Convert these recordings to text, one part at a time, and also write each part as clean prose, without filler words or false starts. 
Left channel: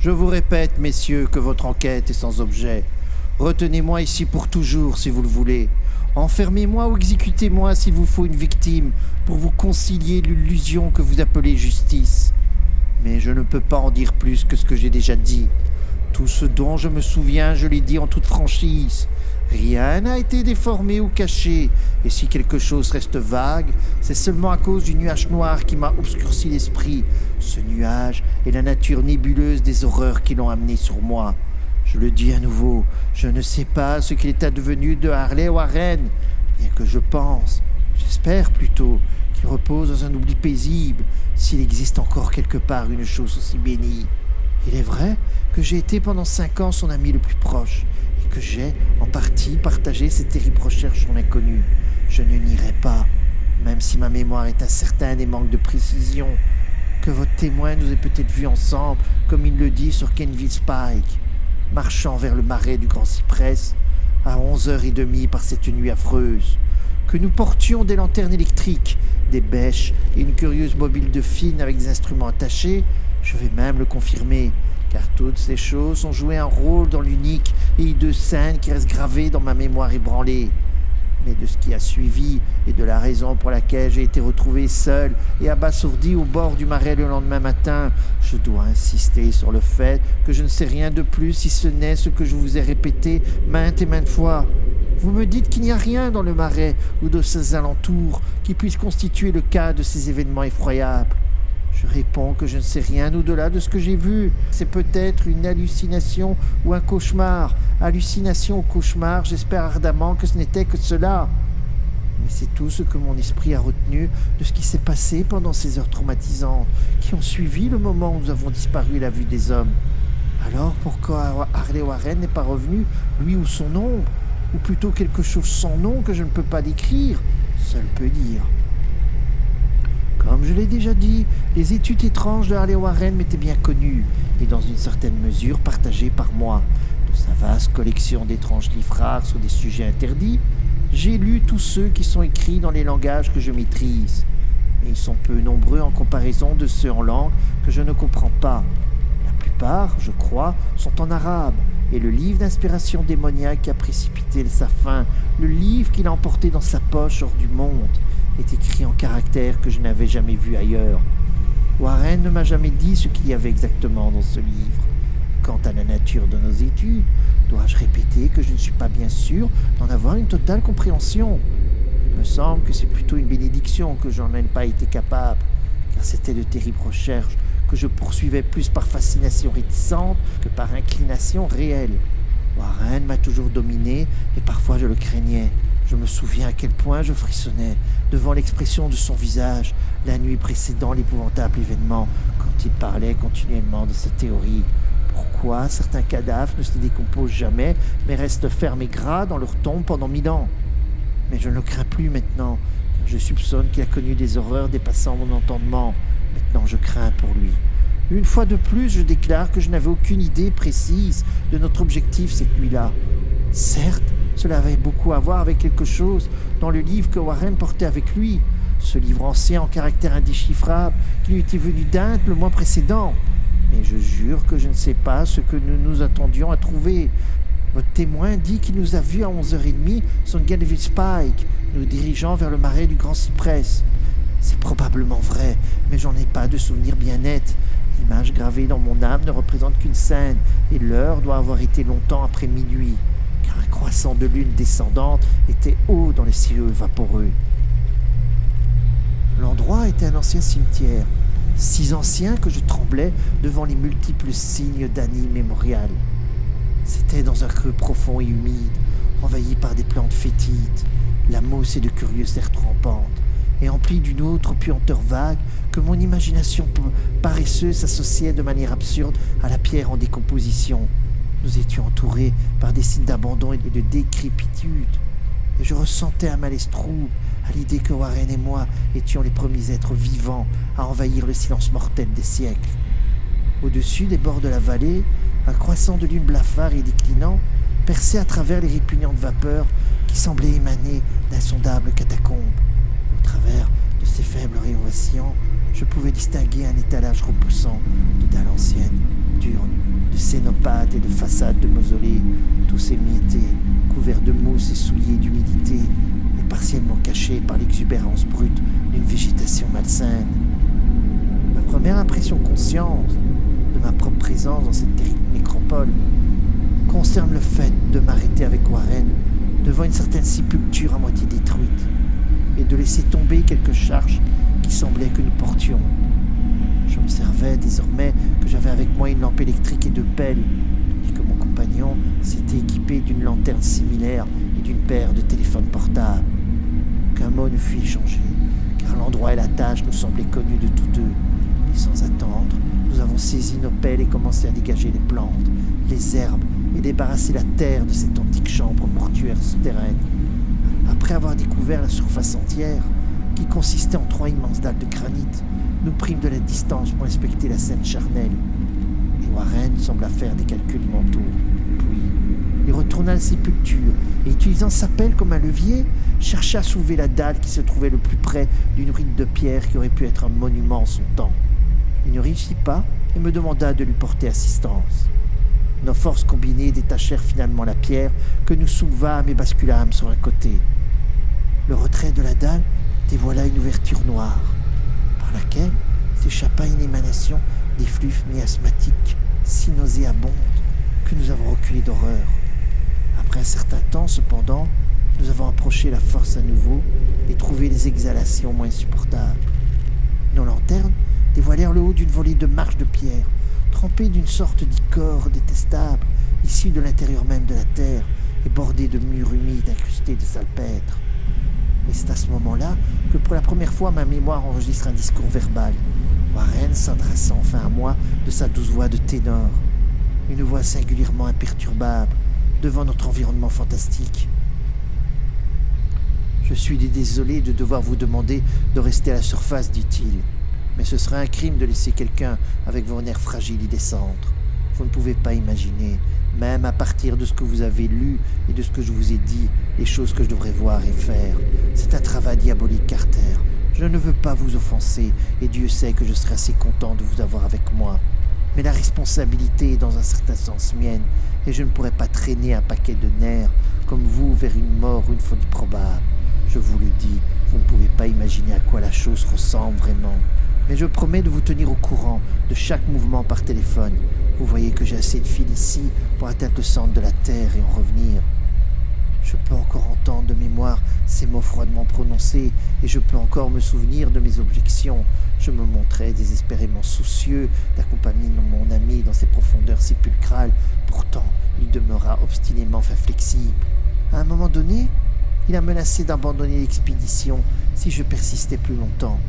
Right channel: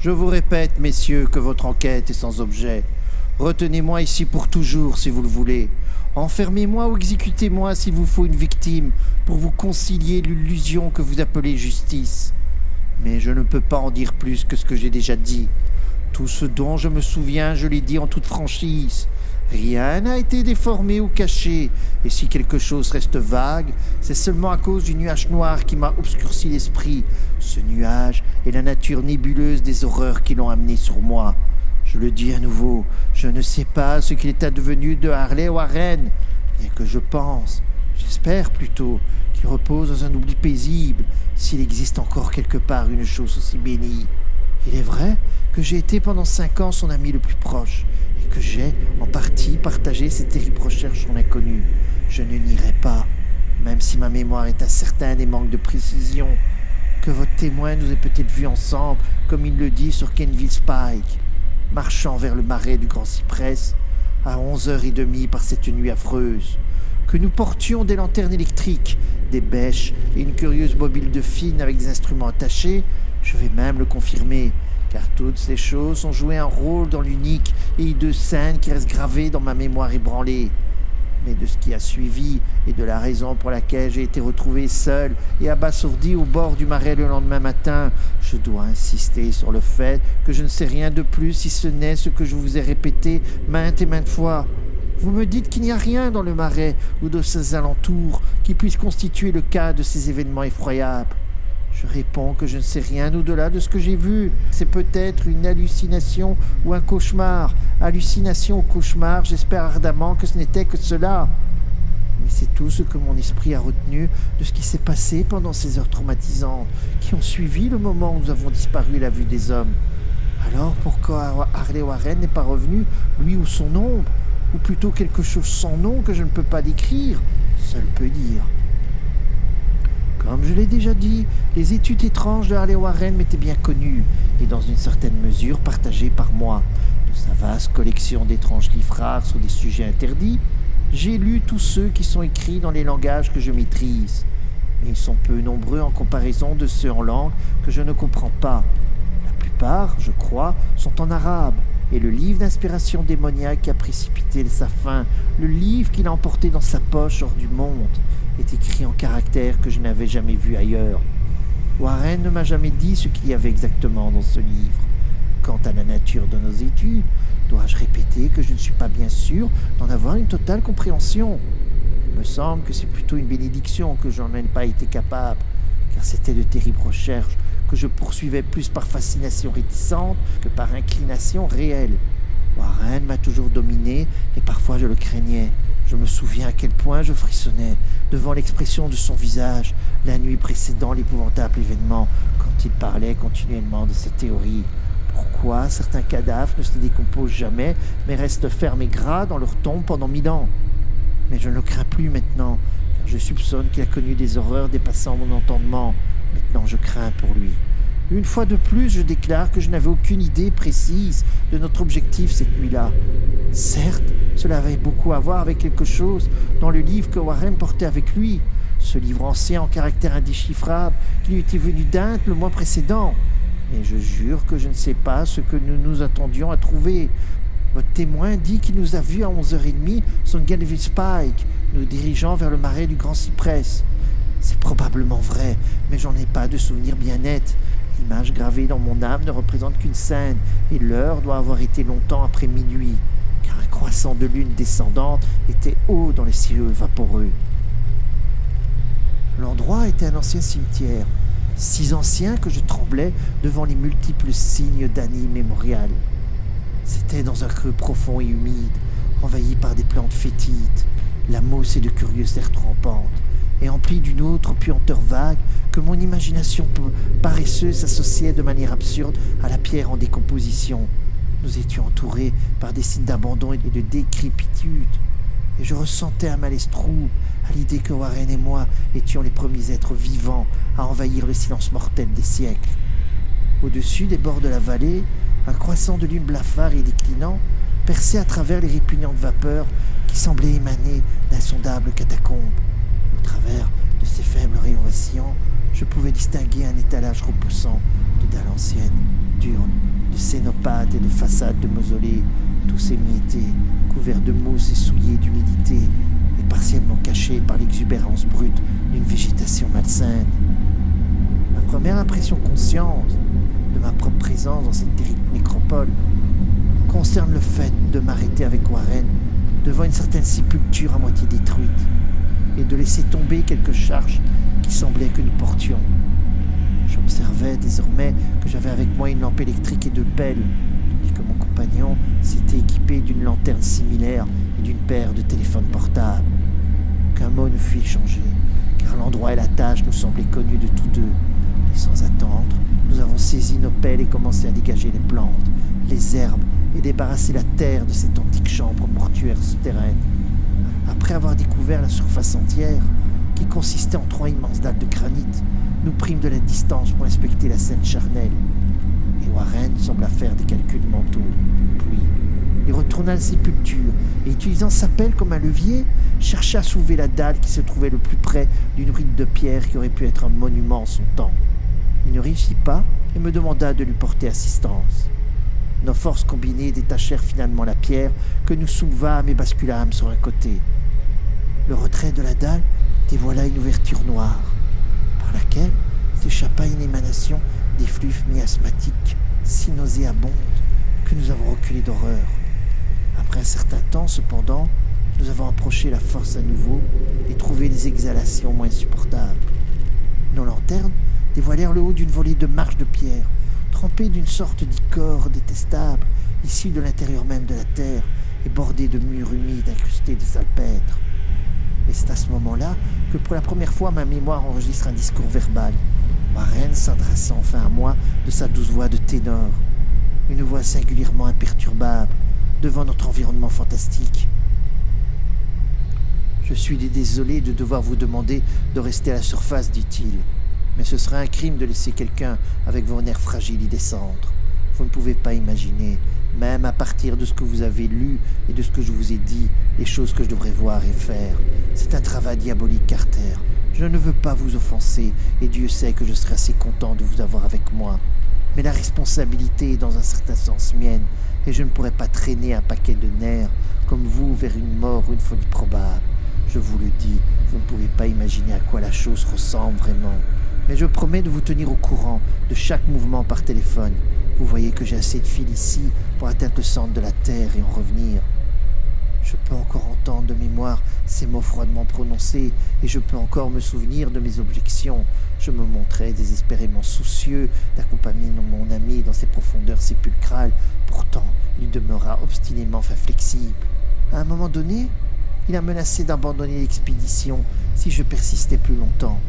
Je vous répète, messieurs, que votre enquête est sans objet. Retenez-moi ici pour toujours, si vous le voulez. Enfermez-moi ou exécutez-moi s'il vous faut une victime pour vous concilier l'illusion que vous appelez justice. Mais je ne peux pas en dire plus que ce que j'ai déjà dit. Tout ce dont je me souviens, je l'ai dit en toute franchise. Rien n'a été déformé ou caché, et si quelque chose reste vague, c'est seulement à cause du nuage noir qui m'a obscurci l'esprit. Ce nuage est la nature nébuleuse des horreurs qui l'ont amené sur moi. Je le dis à nouveau, je ne sais pas ce qu'il est advenu de Harley Warren, bien que j'espère plutôt, qu'il repose dans un oubli paisible, s'il existe encore quelque part une chose aussi bénie. Il est vrai que j'ai été pendant 5 ans son ami le plus proche, et que j'ai, en partie, partagé ses terribles recherches sur l'inconnu. Je ne nierai pas, même si ma mémoire est incertaine et manque de précision, que votre témoin nous ait peut-être vus ensemble, comme il le dit sur Kenville Spike, marchant vers le marais du Grand Cypress, à 11h30 par cette nuit affreuse, que nous portions des lanternes électriques, des bêches et une curieuse mobile de fine avec des instruments attachés. Je vais même le confirmer, car toutes ces choses ont joué un rôle dans l'unique et hideux scène qui reste gravée dans ma mémoire ébranlée. Mais de ce qui a suivi et de la raison pour laquelle j'ai été retrouvé seul et abasourdi au bord du marais le lendemain matin, je dois insister sur le fait que je ne sais rien de plus si ce n'est ce que je vous ai répété maintes et maintes fois. Vous me dites qu'il n'y a rien dans le marais ou de ses alentours qui puisse constituer le cas de ces événements effroyables. Je réponds que je ne sais rien au-delà de ce que j'ai vu. C'est peut-être une hallucination ou un cauchemar. Hallucination ou cauchemar, j'espère ardemment que ce n'était que cela. Mais c'est tout ce que mon esprit a retenu de ce qui s'est passé pendant ces heures traumatisantes qui ont suivi le moment où nous avons disparu à la vue des hommes. Alors pourquoi Harley Warren n'est pas revenu, lui ou son ombre, ou plutôt quelque chose sans nom que je ne peux pas décrire, seul peut dire. Comme je l'ai déjà dit, les études étranges de Harley Warren m'étaient bien connues et dans une certaine mesure partagées par moi. De sa vaste collection d'étranges livres rares sur des sujets interdits, j'ai lu tous ceux qui sont écrits dans les langages que je maîtrise. Mais ils sont peu nombreux en comparaison de ceux en langue que je ne comprends pas. La plupart, je crois, sont en arabe, et le livre d'inspiration démoniaque qui a précipité sa fin, le livre qu'il a emporté dans sa poche hors du monde, est écrit en caractères que je n'avais jamais vus ailleurs. Warren ne m'a jamais dit ce qu'il y avait exactement dans ce livre. Quant à la nature de nos études, dois-je répéter que je ne suis pas bien sûr d'en avoir une totale compréhension. Il me semble que c'est plutôt une bénédiction que j'en ai pas été capable, car c'était de terribles recherches que je poursuivais plus par fascination réticente que par inclination réelle. Warren m'a toujours dominé et parfois je le craignais. Je me souviens à quel point je frissonnais devant l'expression de son visage la nuit précédant l'épouvantable événement quand il parlait continuellement de sa théorie. Pourquoi certains cadavres ne se décomposent jamais mais restent fermes et gras dans leur tombe pendant 1000 ans? Mais je ne le crains plus maintenant, car je soupçonne qu'il a connu des horreurs dépassant mon entendement. Maintenant je crains pour lui. Une fois de plus, je déclare que je n'avais aucune idée précise de notre objectif cette nuit-là. Certes, cela avait beaucoup à voir avec quelque chose dans le livre que Warren portait avec lui, ce livre ancien en caractère indéchiffrable qui lui était venu d'Inde le mois précédent. Mais je jure que je ne sais pas ce que nous nous attendions à trouver. Votre témoin dit qu'il nous a vus à 11h30 sur Kenville Spike, nous dirigeant vers le marais du Grand Cypress. C'est probablement vrai, mais j'en ai pas de souvenir bien net. L'image gravée dans mon âme ne représente qu'une scène, et l'heure doit avoir été longtemps après minuit, car un croissant de lune descendante était haut dans les cieux vaporeux. L'endroit était un ancien cimetière, si ancien que je tremblais devant les multiples signes d'années immémoriales. C'était dans un creux profond et humide, envahi par des plantes fétides, la mousse et de curieuses terres trempantes, et empli d'une autre puanteur vague que mon imagination paresseuse s'associait de manière absurde à la pierre en décomposition. Nous étions entourés par des signes d'abandon et de décrépitude, et je ressentais un malaise trouble à l'idée que Warren et moi étions les premiers êtres vivants à envahir le silence mortel des siècles. Au-dessus des bords de la vallée, un croissant de lune blafard et déclinant perçait à travers les répugnantes vapeurs qui semblaient émaner d'insondables catacombes. Au travers de ces faibles rayons vacillants, je pouvais distinguer un étalage repoussant de dalles anciennes, d'urnes, cénopathes et de façades de mausolées, tous émiettés, couverts de mousse et souillés d'humidité, et partiellement cachés par l'exubérance brute d'une végétation malsaine. Ma première impression consciente de ma propre présence dans cette terrible nécropole concerne le fait de m'arrêter avec Warren devant une certaine sépulture à moitié détruite et de laisser tomber quelques charges qui semblaient que nous portions. J'observais désormais que j'avais avec moi une lampe électrique et deux pelles, et que mon compagnon s'était équipé d'une lanterne similaire et d'une paire de téléphones portables. Aucun mot ne fut échangé, car l'endroit et la tâche nous semblaient connus de tous deux. Et sans attendre, nous avons saisi nos pelles et commencé à dégager les plantes, les herbes et débarrasser la terre de cette antique chambre mortuaire souterraine. Après avoir découvert la surface entière, qui consistait en 3 immenses dalles de granit, nous prîmes de la distance pour inspecter la scène charnelle. Et Warren sembla faire des calculs mentaux. Puis, il retourna à la sépulture et, utilisant sa pelle comme un levier, chercha à soulever la dalle qui se trouvait le plus près d'une rite de pierre qui aurait pu être un monument en son temps. Il ne réussit pas et me demanda de lui porter assistance. Nos forces combinées détachèrent finalement la pierre que nous soulevâmes et basculâmes sur un côté. Le retrait de la dalle dévoila une ouverture noire, par laquelle s'échappa une émanation d'effluves miasmatiques si nauséabondes que nous avons reculé d'horreur. Après un certain temps, cependant, nous avons approché la force à nouveau et trouvé les exhalations moins supportables. Nos lanternes dévoilèrent le haut d'une volée de marches de pierre, trempées d'une sorte d'ichor détestable, issue de l'intérieur même de la terre et bordée de murs humides incrustés de salpêtre. Et c'est à ce moment-là que pour la première fois ma mémoire enregistre un discours verbal. Warren s'adressa enfin à moi de sa douce voix de ténor, une voix singulièrement imperturbable devant notre environnement fantastique. « Je suis désolé de devoir vous demander de rester à la surface, dit-il, mais ce serait un crime de laisser quelqu'un avec vos nerfs fragiles y descendre. Vous ne pouvez pas imaginer, même à partir de ce que vous avez lu et de ce que je vous ai dit, les choses que je devrais voir et faire. C'est un travail diabolique, Carter. Je ne veux pas vous offenser, et Dieu sait que je serai assez content de vous avoir avec moi. Mais la responsabilité est dans un certain sens mienne, et je ne pourrais pas traîner un paquet de nerfs comme vous vers une mort ou une folie probable. Je vous le dis, vous ne pouvez pas imaginer à quoi la chose ressemble vraiment. Mais je promets de vous tenir au courant de chaque mouvement par téléphone. Vous voyez que j'ai assez de fil ici pour atteindre le centre de la Terre et en revenir. Je peux encore entendre de mémoire ces mots froidement prononcés et je peux encore me souvenir de mes objections. Je me montrais désespérément soucieux d'accompagner mon ami dans ces profondeurs sépulcrales. Pourtant, il demeura obstinément inflexible. À un moment donné, il a menacé d'abandonner l'expédition si je persistais plus longtemps.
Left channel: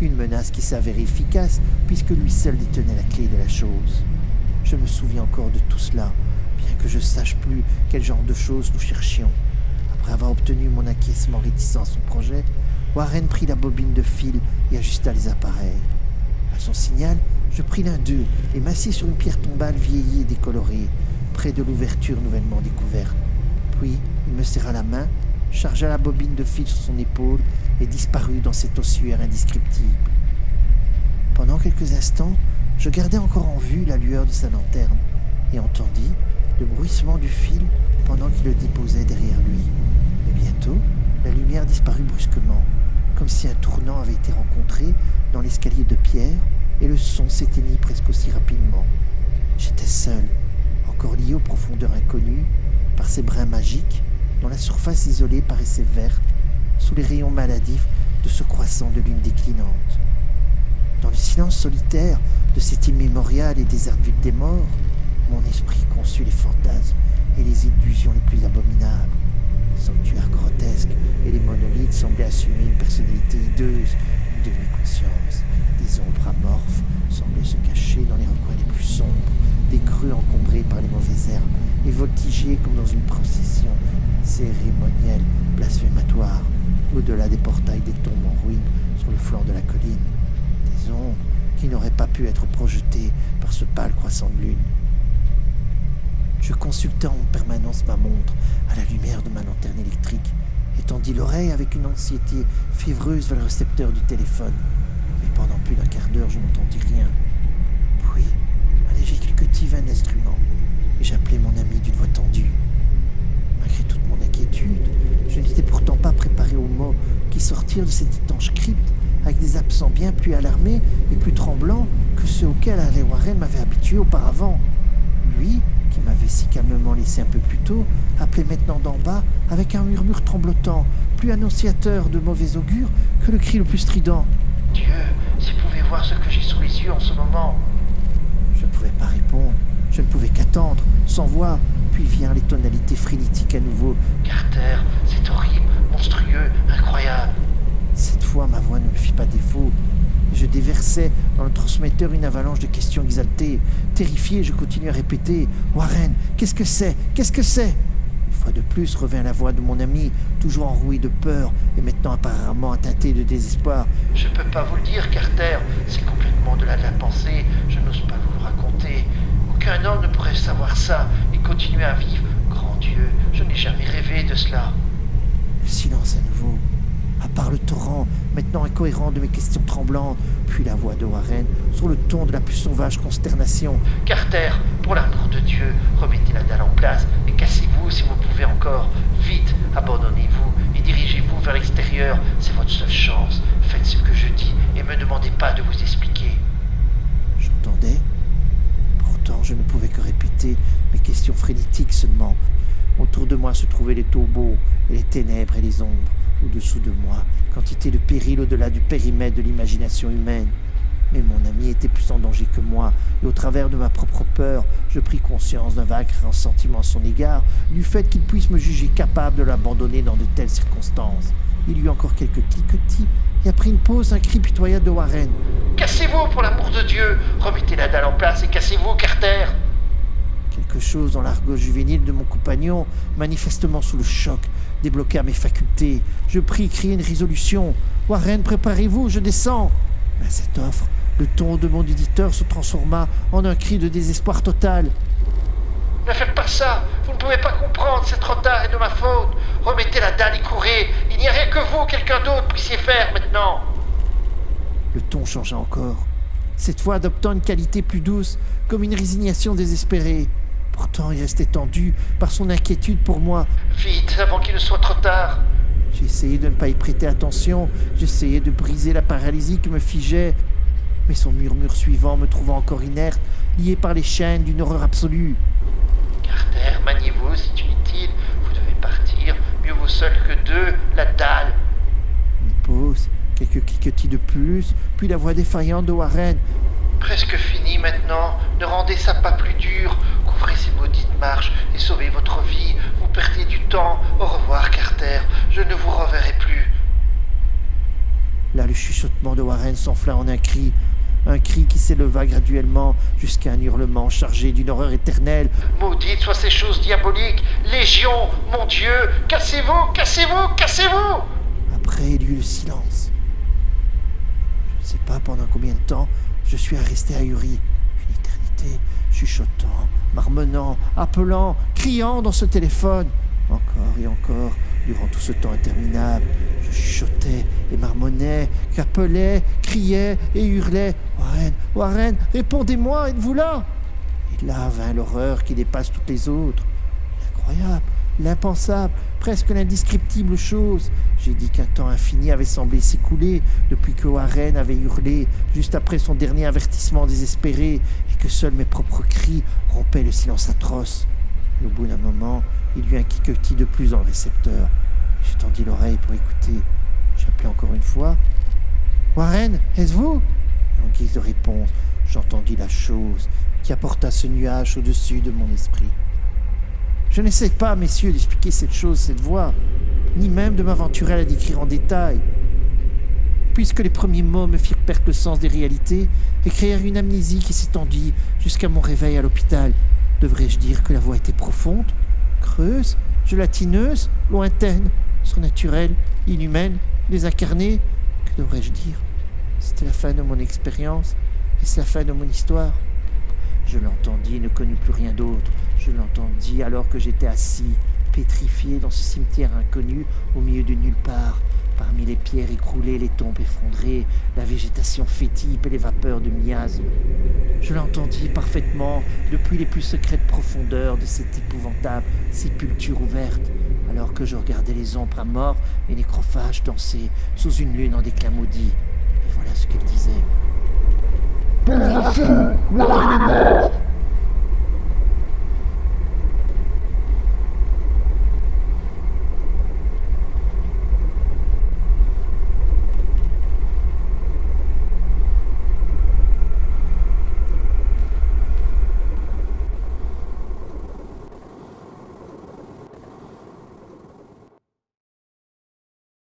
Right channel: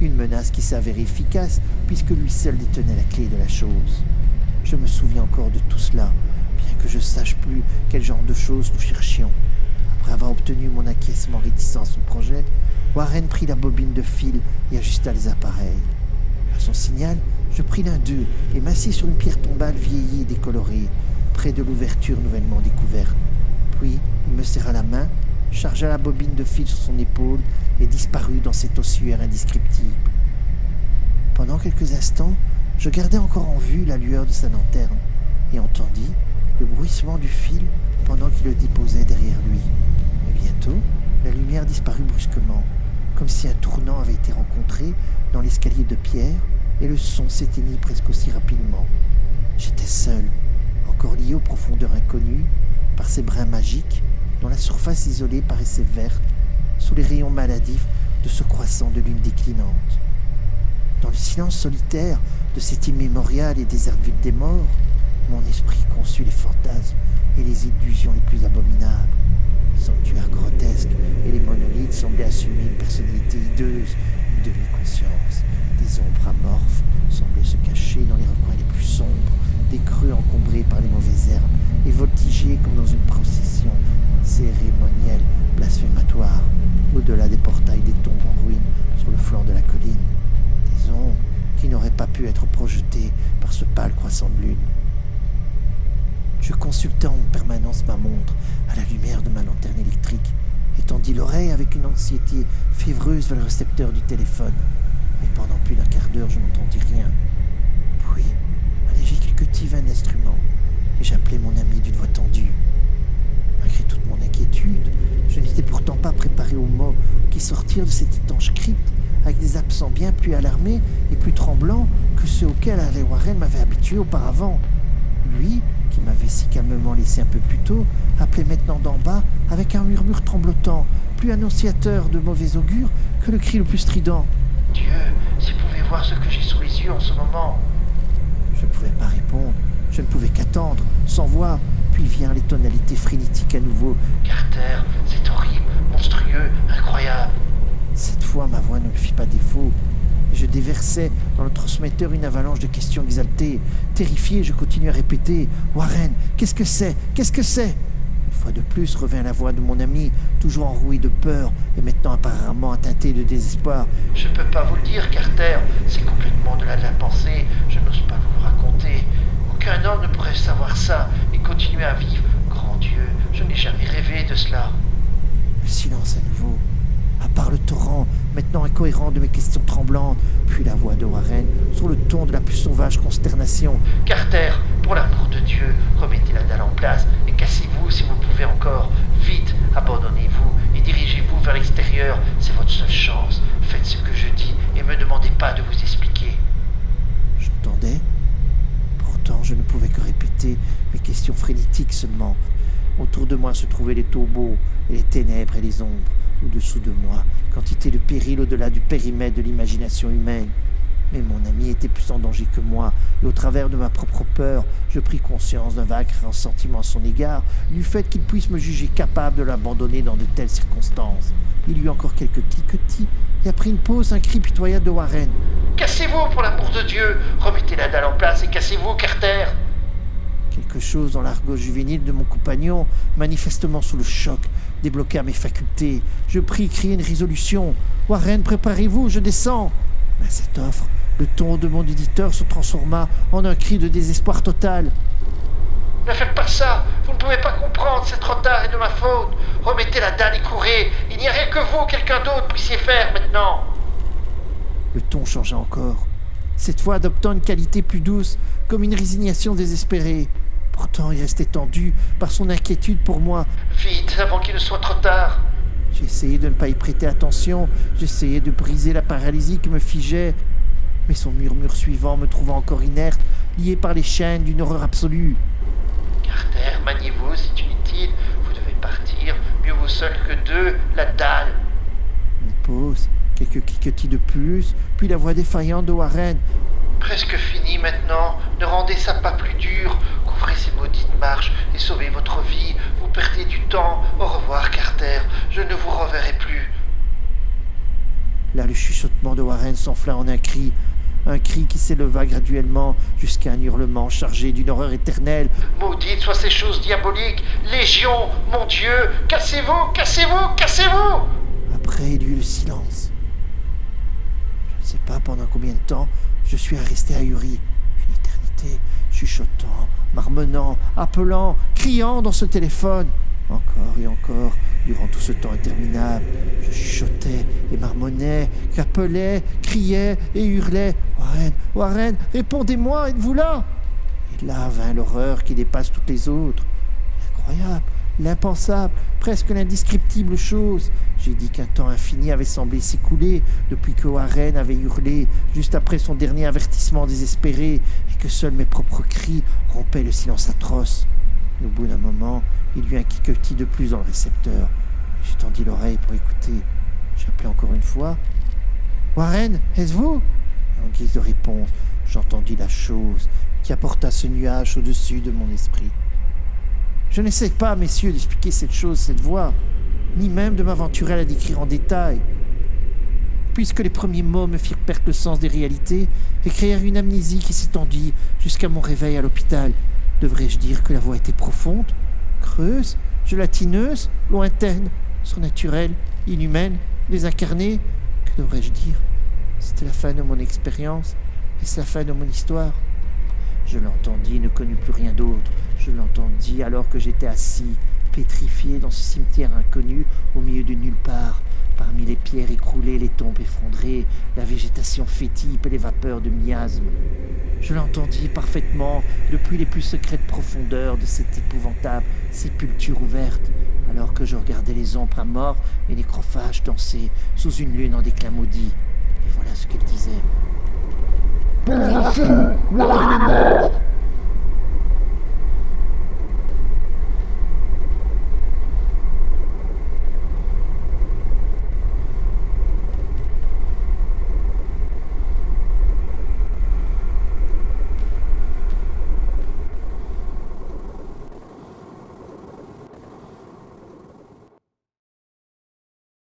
Une menace qui s'avérait efficace puisque lui seul détenait la clé de la chose. Je me souviens encore de tout cela, bien que je ne sache plus quel genre de choses nous cherchions. Après avoir obtenu mon acquiescement réticent à son projet, Warren prit la bobine de fil et ajusta les appareils. À son signal, je pris l'un d'eux et m'assis sur une pierre tombale vieillie et décolorée, près de l'ouverture nouvellement découverte. Puis, il me serra la main, chargea la bobine de fil sur son épaule et disparut dans cet ossuaire indescriptible. Pendant quelques instants, je gardai encore en vue la lueur de sa lanterne et entendis le bruissement du fil pendant qu'il le déposait derrière lui. Mais bientôt, la lumière disparut brusquement, comme si un tournant avait été rencontré dans l'escalier de pierre et le son s'éteignit presque aussi rapidement. J'étais seul, encore lié aux profondeurs inconnues, par ces brins magiques dont la surface isolée paraissait verte sous les rayons maladifs de ce croissant de lune déclinante. Dans le silence solitaire de cette immémoriale et déserte ville des morts, mon esprit conçut les fantasmes et les illusions les plus abominables. Les sanctuaires grotesques et les monolithes semblaient assumer une personnalité hideuse, une demi-conscience. Des ombres amorphes semblaient se cacher dans les recoins les plus sombres, des creux encombrés par les mauvaises herbes et voltiger comme dans une procession cérémonielle blasphématoire, au-delà des portails des tombes en ruine sur le flanc de la colline. Des ombres qui n'auraient pas pu être projetées par ce pâle croissant de lune. Je consultais en permanence ma montre à la lumière de ma lanterne électrique et tendis l'oreille avec une anxiété fiévreuse vers le récepteur du téléphone. Mais pendant plus d'un quart d'heure, je n'entendis rien. Puis, un léger cliquetis cliquetis vint l'instrument, et j'appelai mon ami d'une voix tendue. Malgré toute mon inquiétude, je n'étais pourtant pas préparé aux mots qui sortirent de cette étanche crypte avec des accents bien plus alarmés et plus tremblants que ceux auxquels Harley Warren m'avait habitué auparavant. Lui, qui m'avait si calmement laissé un peu plus tôt, appelait maintenant d'en bas avec un murmure tremblotant, plus annonciateur de mauvais augure que le cri le plus strident. « Dieu, s'il pouvait voir ce que j'ai sous les yeux en ce moment !» Je ne pouvais pas répondre, je ne pouvais qu'attendre, sans voix. Puis virent les tonalités frénétiques à nouveau. « Carter, c'est horrible, monstrueux, incroyable !» Cette fois, ma voix ne me fit pas défaut. Et je déversai dans le transmetteur une avalanche de questions exaltées. Terrifié, je continuai à répéter. « Warren, qu'est-ce que c'est? Qu'est-ce que c'est ?» Une fois de plus revint la voix de mon ami, toujours enrouée de peur et maintenant apparemment teintée de désespoir. « Je ne peux pas vous le dire, Carter. C'est complètement de la pensée. Je n'ose pas vous le raconter. Aucun homme ne pourrait savoir ça et continuer à vivre. Grand Dieu, je n'ai jamais rêvé de cela. » Le silence à nouveau. À part le torrent, maintenant incohérent de mes questions tremblantes, puis la voix de Warren, sur le ton de la plus sauvage consternation. « Carter, pour l'amour de Dieu, remettez la dalle en place et cassez-vous si vous pouvez encore. Vite, abandonnez-vous et dirigez-vous vers l'extérieur, c'est votre seule chance. Faites ce que je dis et ne me demandez pas de vous expliquer. » J'entendais. Pourtant, je ne pouvais que répéter mes questions frénétiques seulement. Autour de moi se trouvaient les tombeaux et les ténèbres et les ombres. Au-dessous de moi, quantité de périls au-delà du périmètre de l'imagination humaine. Mais mon ami était plus en danger que moi, et au travers de ma propre peur, je pris conscience d'un vague ressentiment à son égard, du fait qu'il puisse me juger capable de l'abandonner dans de telles circonstances. Il y eut encore quelques cliquetis, et après une pause, un cri pitoyable de Warren. « Cassez-vous, pour l'amour de Dieu! Remettez la dalle en place et cassez-vous, Carter !» Quelque chose dans l'argot juvénile de mon compagnon, manifestement sous le choc, débloqua mes facultés. Je pris crier une résolution. « Warren, préparez-vous, je descends !» Mais à cette offre, le ton de mon auditeur se transforma en un cri de désespoir total. « Ne faites pas ça! Vous ne pouvez pas comprendre, c'est trop tard et de ma faute! Remettez la dalle et courez! Il n'y a rien que vous, quelqu'un d'autre, puissiez faire maintenant !» Le ton changea encore, cette fois adoptant une qualité plus douce, comme une résignation désespérée. Pourtant, il restait tendu par son inquiétude pour moi. « Vite, avant qu'il ne soit trop tard !» J'ai essayé de ne pas y prêter attention, j'essayais de briser la paralysie qui me figeait, mais son murmure suivant me trouva encore inerte, lié par les chaînes d'une horreur absolue. « Carter, maniez-vous, c'est inutile, vous devez partir, mieux vaut seul que deux, la dalle !» Une pause, quelques cliquetis de plus, puis la voix défaillante de Warren. « Presque fini maintenant, ne rendez ça pas plus dur, couvrez ces maudites marches et sauvez votre vie, vous perdez du temps, au revoir Carter, je ne vous reverrai plus. » Là, le chuchotement de Warren s'enfla en un cri qui s'éleva graduellement jusqu'à un hurlement chargé d'une horreur éternelle. « Maudites soient ces choses diaboliques, Légion, mon Dieu, cassez-vous, cassez-vous, cassez-vous !» Après, il y eut le silence. Je ne sais pas pendant combien de temps je suis resté ahuri. Une éternité, chuchotant, marmonnant, appelant, criant dans ce téléphone. Encore et encore, durant tout ce temps interminable, je chuchotais et marmonnais, qu'appelais, criais et hurlais. « Warren, Warren, répondez-moi, êtes-vous là ?» Et là vint l'horreur qui dépasse toutes les autres. L'incroyable, l'impensable, presque l'indescriptible chose. J'ai dit qu'un temps infini avait semblé s'écouler depuis que Warren avait hurlé juste après son dernier avertissement désespéré et que seuls mes propres cris rompaient le silence atroce. Mais au bout d'un moment, il y eut un cliquetis de plus dans le récepteur. J'ai tendu l'oreille pour écouter. J'appelai encore une fois. « Warren, est-ce vous ?» Et en guise de réponse, j'entendis la chose qui apporta ce nuage au-dessus de mon esprit. Je n'essaie pas, messieurs, d'expliquer cette chose, cette voix, ni même de m'aventurer à la décrire en détail. Puisque les premiers mots me firent perdre le sens des réalités et créèrent une amnésie qui s'étendit jusqu'à mon réveil à l'hôpital, devrais-je dire que la voix était profonde, creuse, gélatineuse, lointaine, surnaturelle, inhumaine, désincarnée? Que devrais-je dire? C'était la fin de mon expérience et c'est la fin de mon histoire. Je l'entendis et ne connus plus rien d'autre. Je l'entendis alors que j'étais assis, pétrifié dans ce cimetière inconnu au milieu de nulle part. Parmi les pierres écroulées, les tombes effondrées, la végétation fétide et les vapeurs de miasmes. Je l'entendis parfaitement depuis les plus secrètes profondeurs de cette épouvantable sépulture ouverte, alors que je regardais les ombres amorphes et nécrophages danser sous une lune en déclin maudit. Et voilà ce qu'elle disait. Pauvre fou, Warren est mort.